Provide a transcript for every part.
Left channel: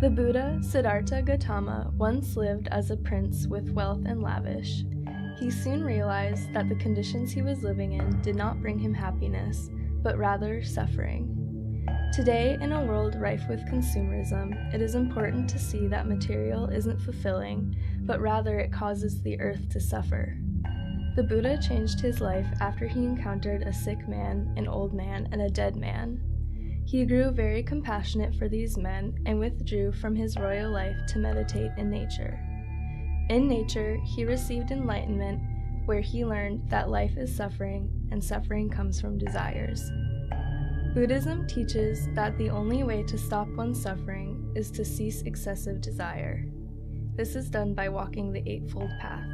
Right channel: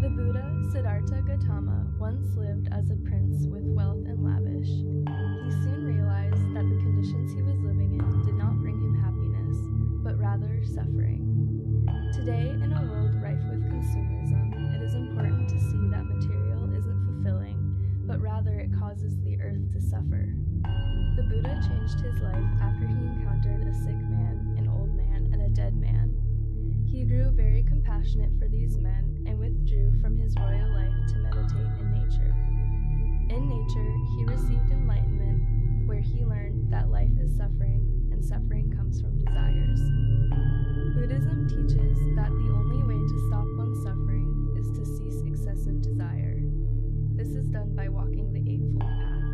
The Buddha, Siddhartha Gautama, once lived as a prince with wealth and lavish. He soon realized that the conditions he was living in did not bring him happiness, but rather suffering. Today, in a world rife with consumerism, it is important to see that material isn't fulfilling, but rather it causes the earth to suffer. The Buddha changed his life after he encountered a sick man, an old man, and a dead man. He grew very compassionate for these men and withdrew from his royal life to meditate in nature. In nature, he received enlightenment, where he learned that life is suffering and suffering comes from desires. Buddhism teaches that the only way to stop one's suffering is to cease excessive desire. This is done by walking the Eightfold Path.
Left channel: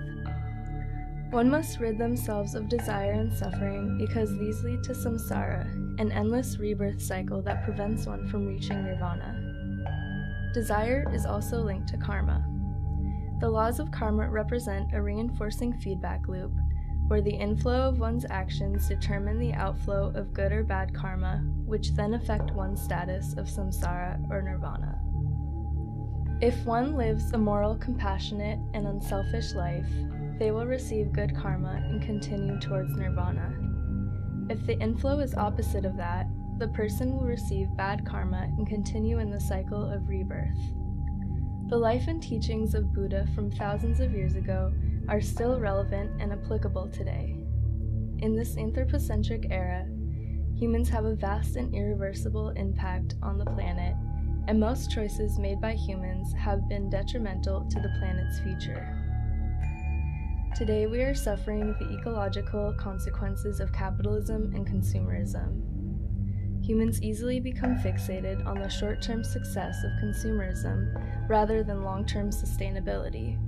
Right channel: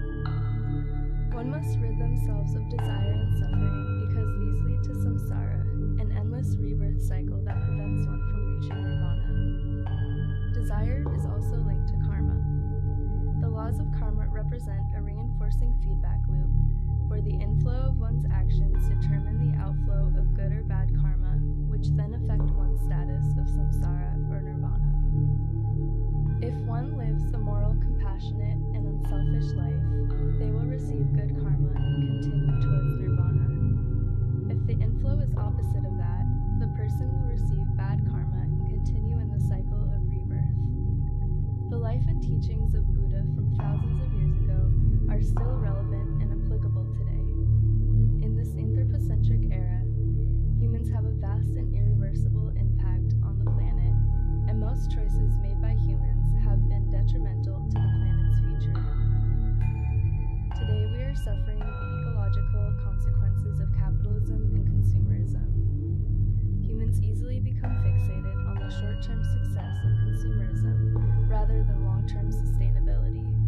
One must rid themselves of desire and suffering because these lead to samsara, an endless rebirth cycle that prevents one from reaching nirvana. Desire is also linked to karma. The laws of karma represent a reinforcing feedback loop, where the inflow of one's actions determine the outflow of good or bad karma, which then affect one's status of samsara or nirvana. If one lives a moral, compassionate, and unselfish life, they will receive good karma and continue towards nirvana. If the inflow is opposite of that, the person will receive bad karma and continue in the cycle of rebirth. The life and teachings of Buddha from thousands of years ago are still relevant and applicable today. In this anthropocentric era, humans have a vast and irreversible impact on the planet, and most choices made by humans have been detrimental to the planet's future. Today we are suffering the ecological consequences of capitalism and consumerism. Humans easily become fixated on the short-term success of consumerism rather than long-term sustainability.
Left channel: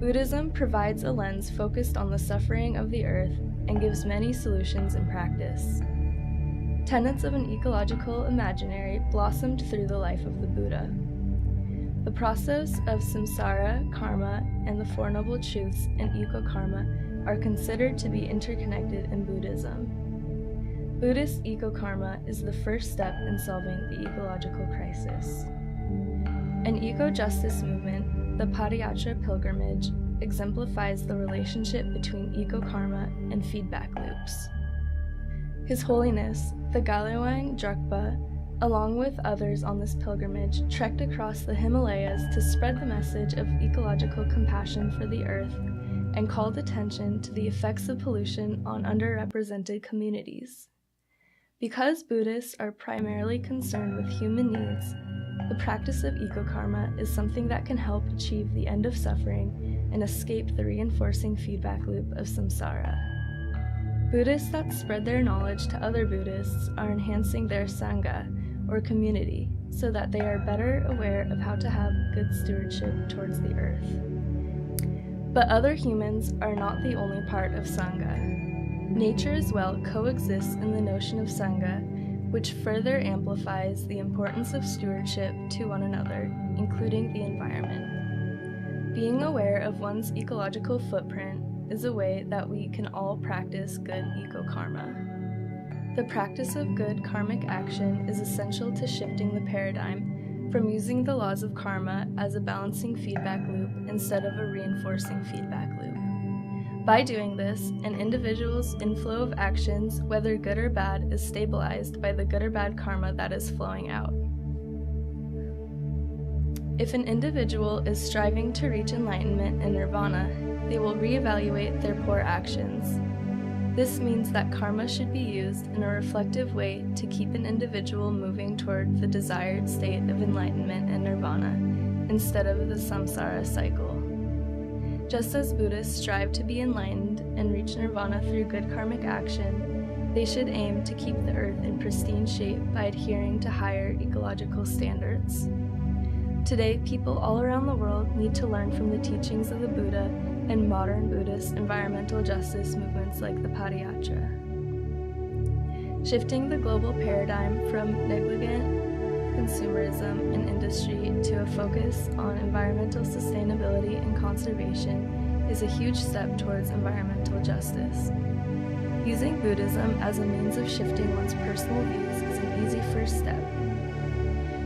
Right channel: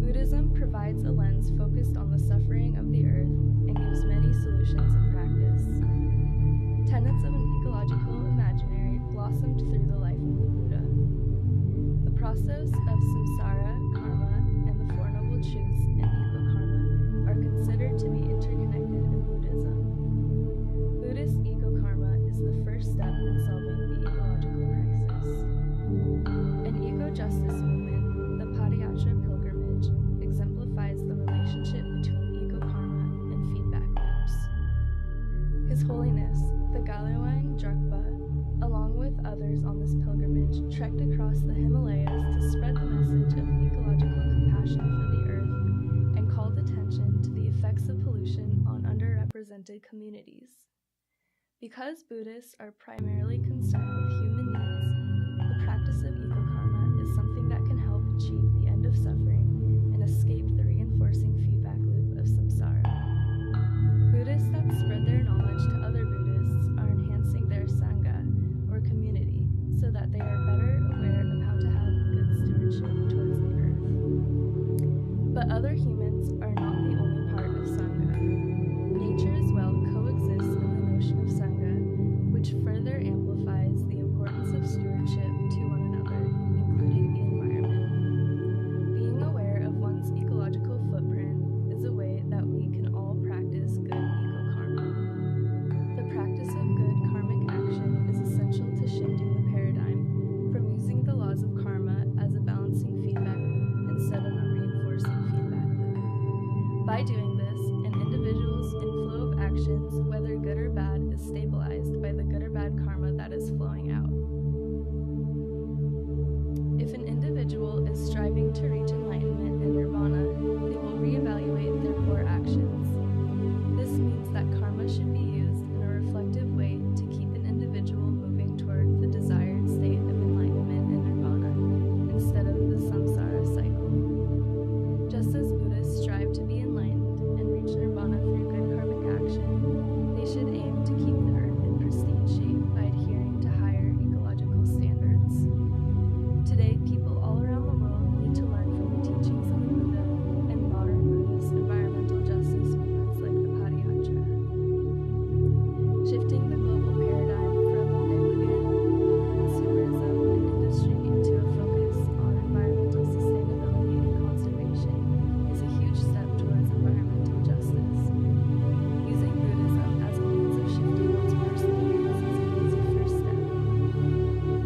Buddhism provides a lens focused on the suffering of the earth and gives many solutions in practice. Tenets of an ecological imaginary blossomed through the life of the Buddha. The process of samsara, karma, and the Four Noble Truths and eco-karma are considered to be interconnected in Buddhism. Buddhist eco-karma is the first step in solving the ecological crisis. An eco-justice movement, the Padayatra pilgrimage, exemplifies the relationship between eco-karma and feedback loops. His Holiness, the Galawang Drukpa, along with others on this pilgrimage, trekked across the Himalayas to spread the message of ecological compassion for the earth and called attention to the effects of pollution on underrepresented communities. Because Buddhists are primarily concerned with human needs, the practice of eco-karma is something that can help achieve the end of suffering and escape the reinforcing feedback loop of samsara. Buddhists that spread their knowledge to other Buddhists are enhancing their sangha, or community, so that they are better aware of how to have good stewardship towards the earth. But other humans are not the only part of sangha. Nature as well coexists in the notion of sangha, which further amplifies the importance of stewardship to one another, including the environment. Being aware of one's ecological footprint is a way that we can all practice good eco-karma. The practice of good karmic action is essential to shifting the paradigm from using the laws of karma as a balancing feedback loop instead of a reinforcing feedback loop. By doing this, an individual's inflow of actions, whether good or bad, is stabilized by the good or bad karma that is flowing out. If an individual is striving to reach enlightenment and nirvana, they will reevaluate their poor actions. This means that karma should be used in a reflective way to keep an individual moving toward the desired state of enlightenment and nirvana, instead of the samsara cycle. Just as Buddhists strive to be enlightened and reach nirvana through good karmic action, they should aim to keep the earth in pristine shape by adhering to higher ecological standards. Today, people all around the world need to learn from the teachings of the Buddha and modern Buddhist environmental justice movements like the Padayatra. Shifting the global paradigm from negligent consumerism and industry to a focus on environmental sustainability and conservation is a huge step towards environmental justice. Using Buddhism as a means of shifting one's personal views is an easy first step.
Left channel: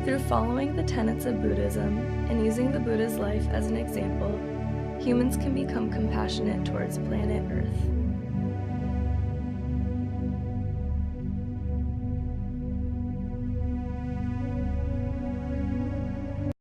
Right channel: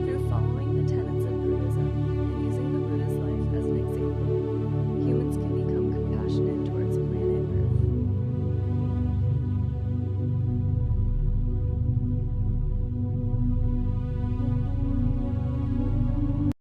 Through following the tenets of Buddhism and using the Buddha's life as an example, humans can become compassionate towards planet Earth.